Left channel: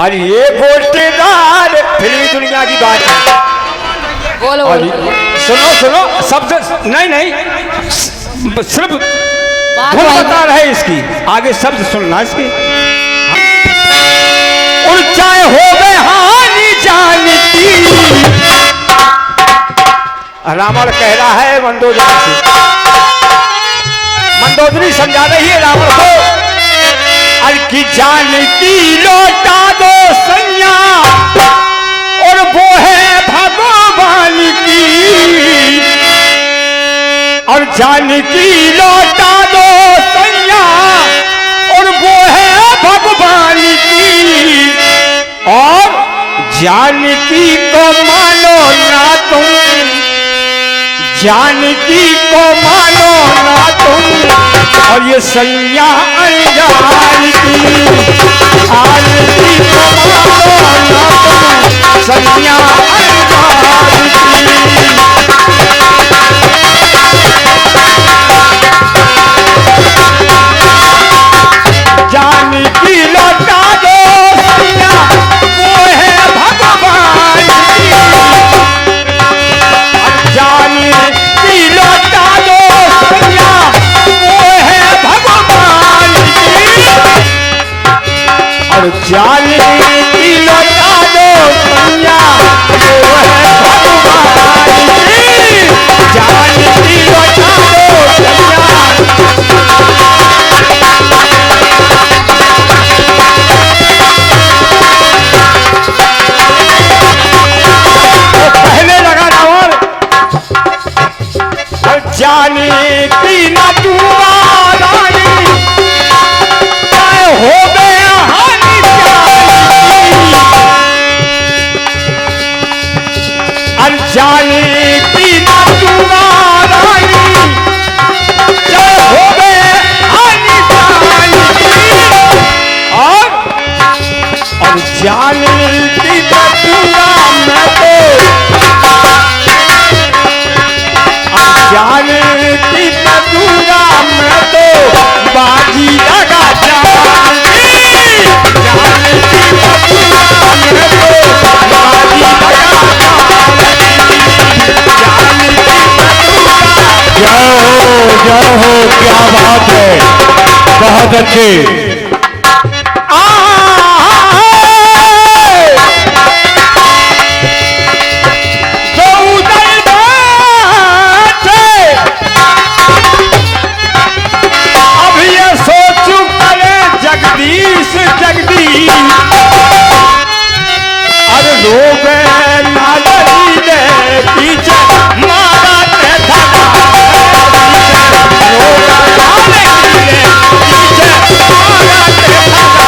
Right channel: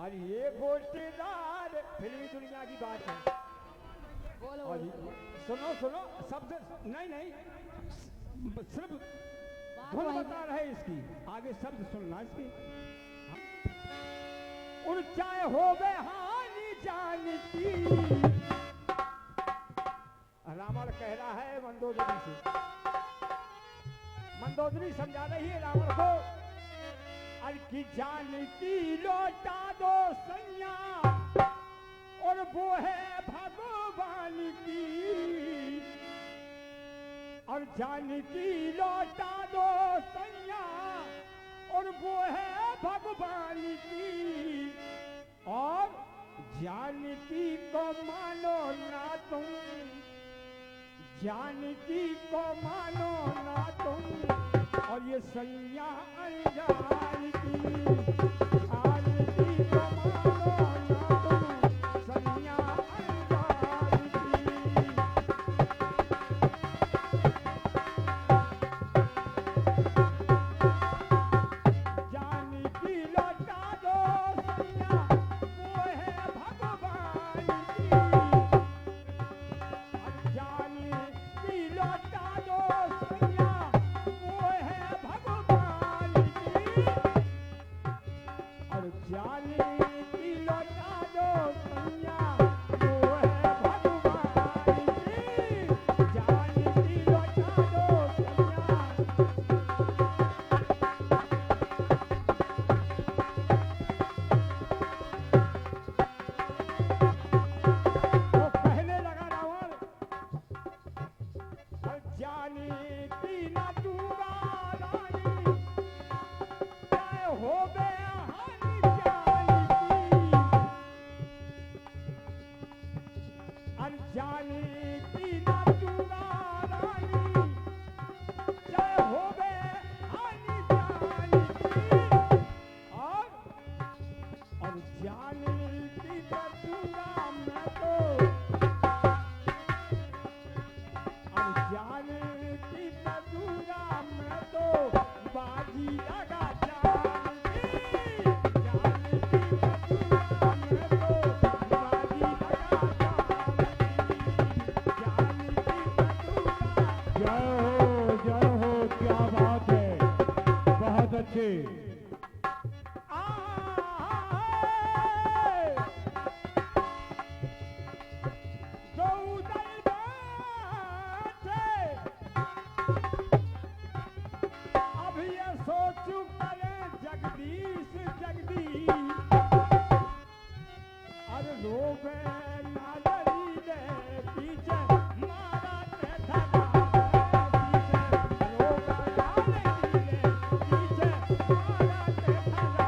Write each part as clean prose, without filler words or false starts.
और ये गोटेदार फिल्मी दुनिया की बात है। बोलो सुनो सुनो शब्द नहीं नहीं सिर्फ धुन बता रहे इसकी, आगे शब्द सुनना इसकी। और चाहे हो गए हानि जानती, रावण कह रहा है मंदोदरी से, मंदोदरी समझा रही है रावण को, अरे की जानती लौटा दो सैया और वो है भगवान की, और जानकी लौटा दो सैया और वो है भगवान की, और जानकी को मानो ना तुम, जानकी को मानो ना तुम, और ये सैया अनजान की, जानकी को मानो ना तुम, सैया अनजान की। जानकी लौटा दो सैया वो है भगवान की, जानकी लौटा दो सैया वो है भगवान की, और जानकी लौटा दो सैया वो है भगवान की, जानकी लौटा दो सैया। जानकी न दुआरानी चाहे हो गया हानि जानकी, अरे जानकी न दुआरानी चाहे हो गए हानि जानकी, और जानकी न दुआ मैं तो, जानकी मधुरा मैं तो बाजी लगा जानकी, जानकी मधुरा मैं तो बाजी लगा जानकी, जानकी मधुरा। जय हो क्या बात है, बहुत अच्छे। लोग नालरी ले पीछे मारा ते धगा, लोग नालरी ले पीछे मारा ते धगा,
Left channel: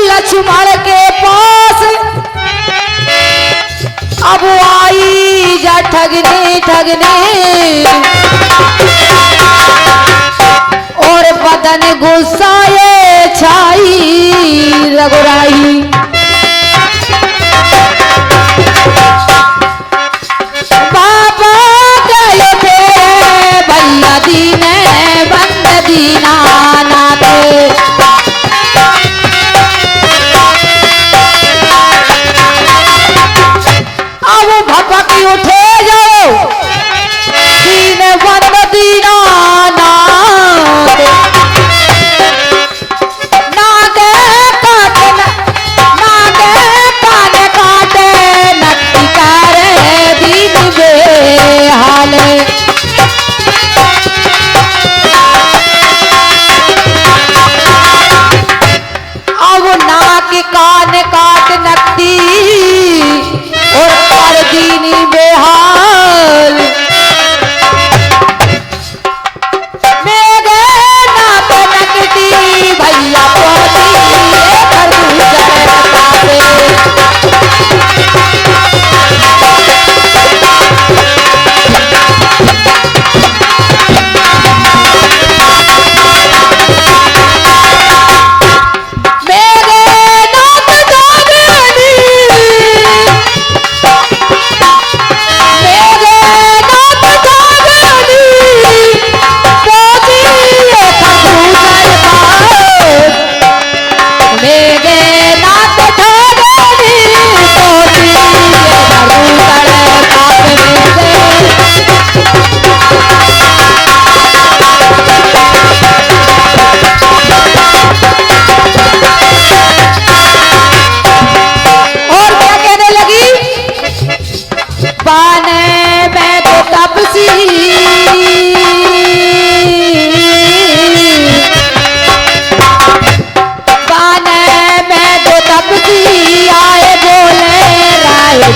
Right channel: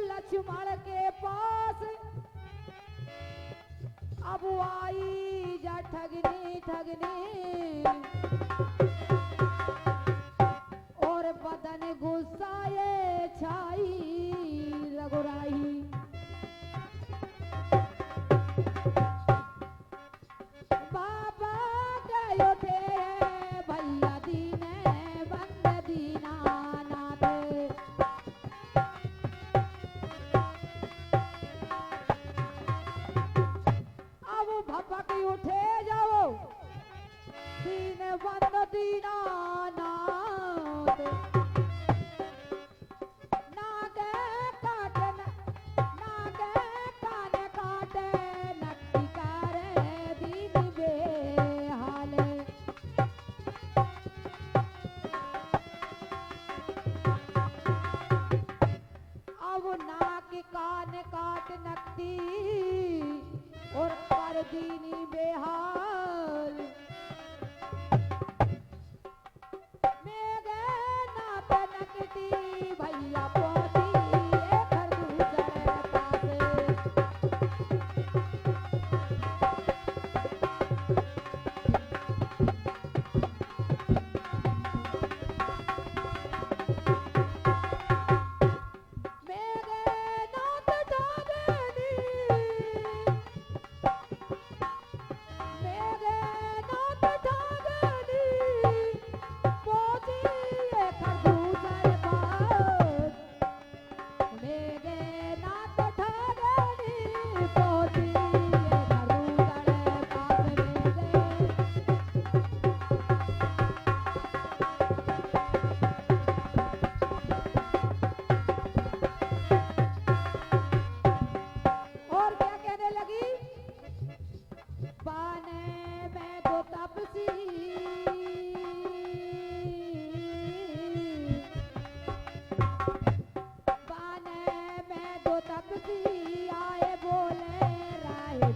लक्ष्मण के पास अब आई जा ठगने ठगने, और बदन गुस्साए छाई रघुराई, बाबा गए थे भैया दीने बंद दीना नाते, भपकी उठे जाओ दीन बंद दीना नाथ,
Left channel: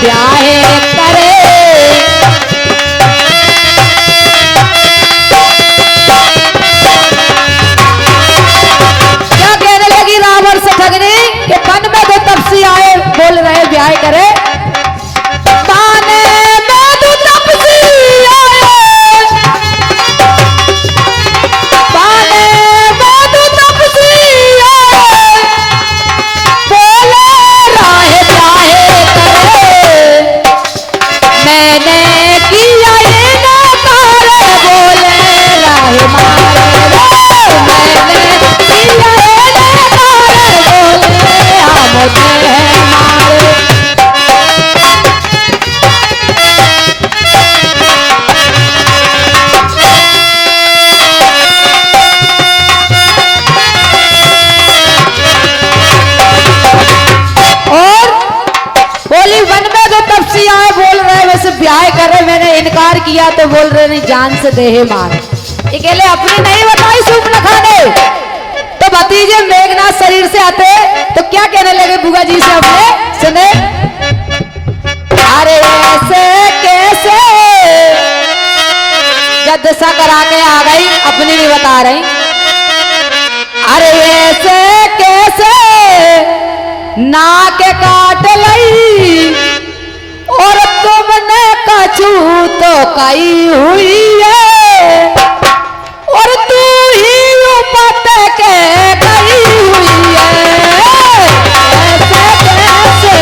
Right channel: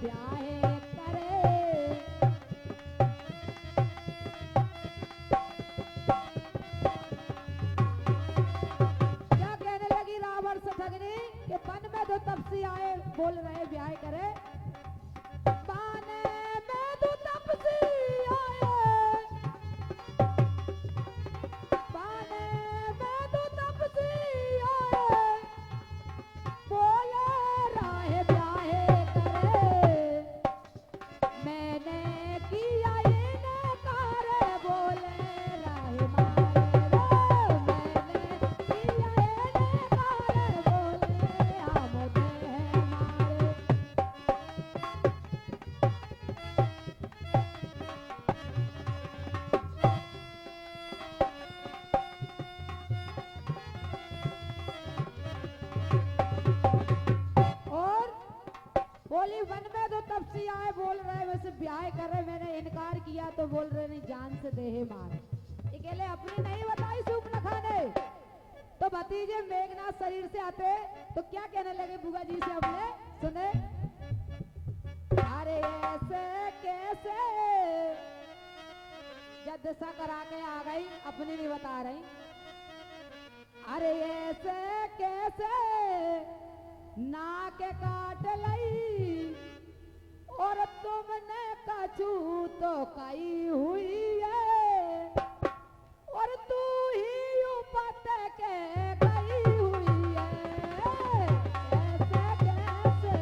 ब्याह करे। क्या कहने लगी रावण से ठगनी कि वन में दो तपसी आए बोल रहे ब्याह करे। ब्याह करे मैंने इनकार किया तो बोल रहे नहीं जान से देहे मार। अकेले अपनी नहीं बताई सूप न खाने तो भतीजे मेघनाथ शरीर से आते तो क्या कहने लगे बुआ जी से अपने सुने। अरे ऐसे कैसे जद्दसा करा के आ गई अपनी नहीं बता रही। अरे ऐसे कैसे नाक काट लई और तुमने कछू तो कई हुई है और तू ही उपत के गई हुई है। ऐसे कैसे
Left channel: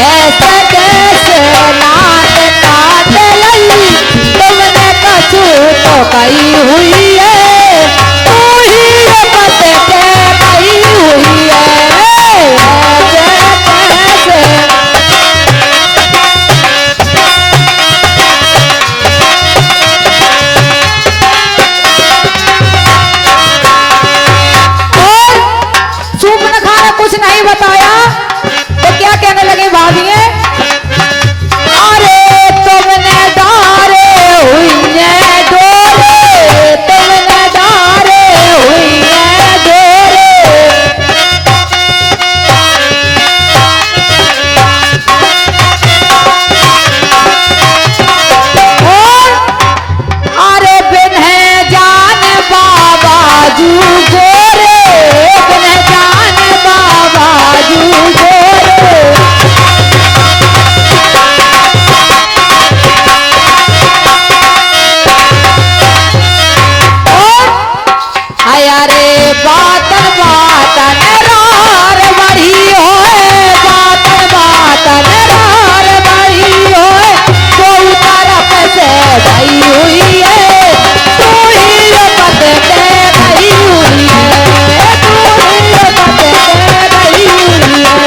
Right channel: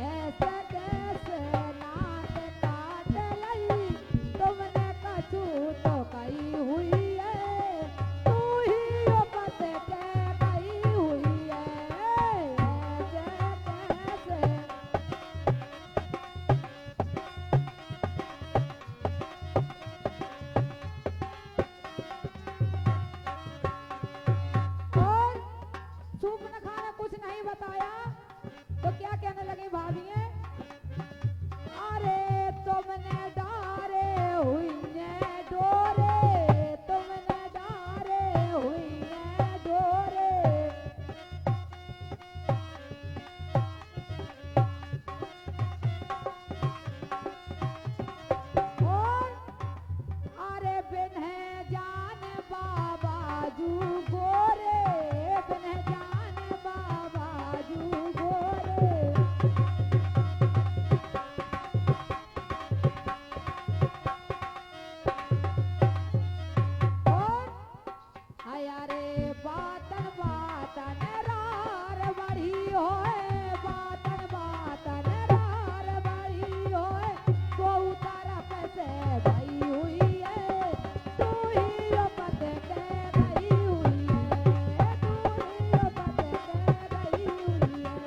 ऐसे कैसे नाक काट लई तुमने कछू तो कई हुई है तू ही उपत के गई हुई है। ऐसे कैसे और सुमन खाने कुछ नहीं बताया तो क्या कहने लगे भाभी। अरे तुमने डारे हुई है डोरे तुमने डारे हुई है डोरे और अरे बिन है जान बाबा जू गोरे बिन है जान बाबा जू गोरे। आया रे बातन बातन रार बड़ी होए बातन बातन रार बड़ी होए तो तरफ से गई हुई है तू ही उपत के गई हुई है तू ही उपत के गई हुई है।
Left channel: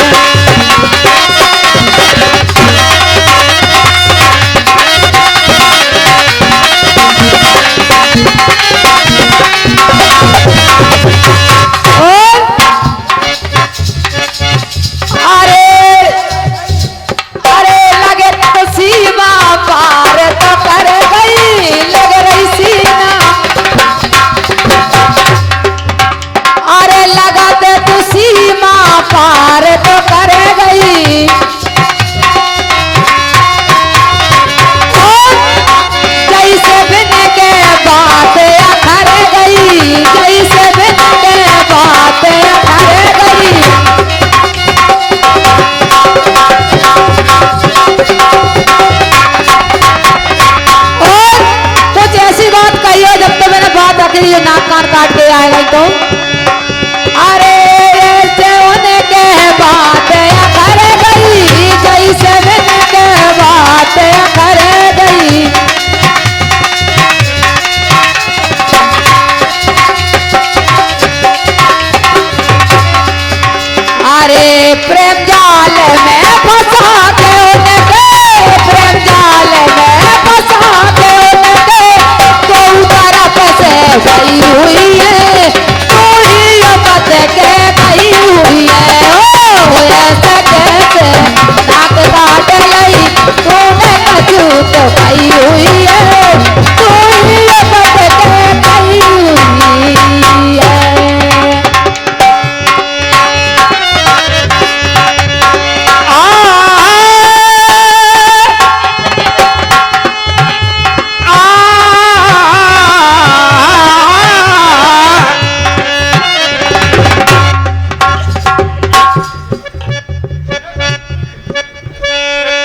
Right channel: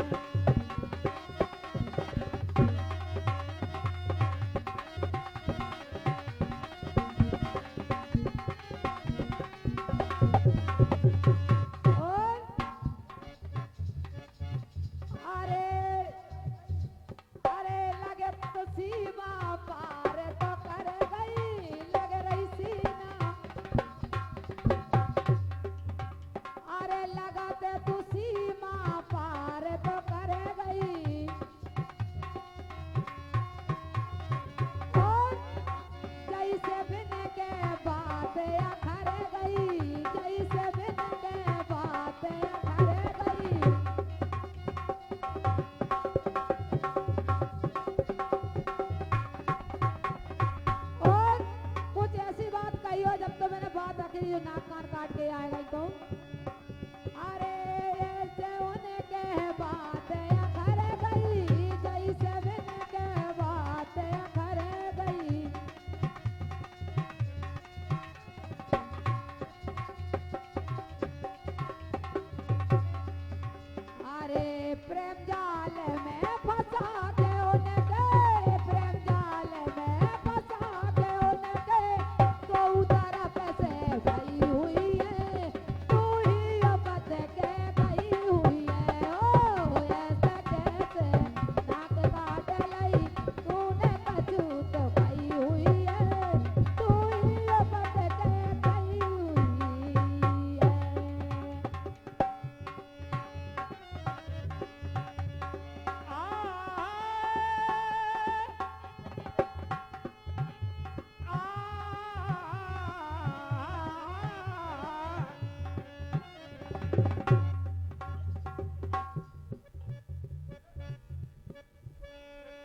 और अरे अरे लगे तो सीमा पार तो कर गई लग रही सीना। अरे लगाते तो सीमा पार तो कर गई और जैसे बिन के बात अखर गई जैसे बिन के बात अखर गई।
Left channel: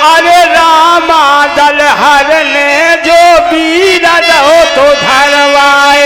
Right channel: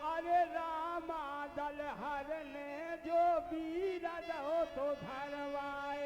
अरे रामा दल हरने जो वीर रहो तो धरवाए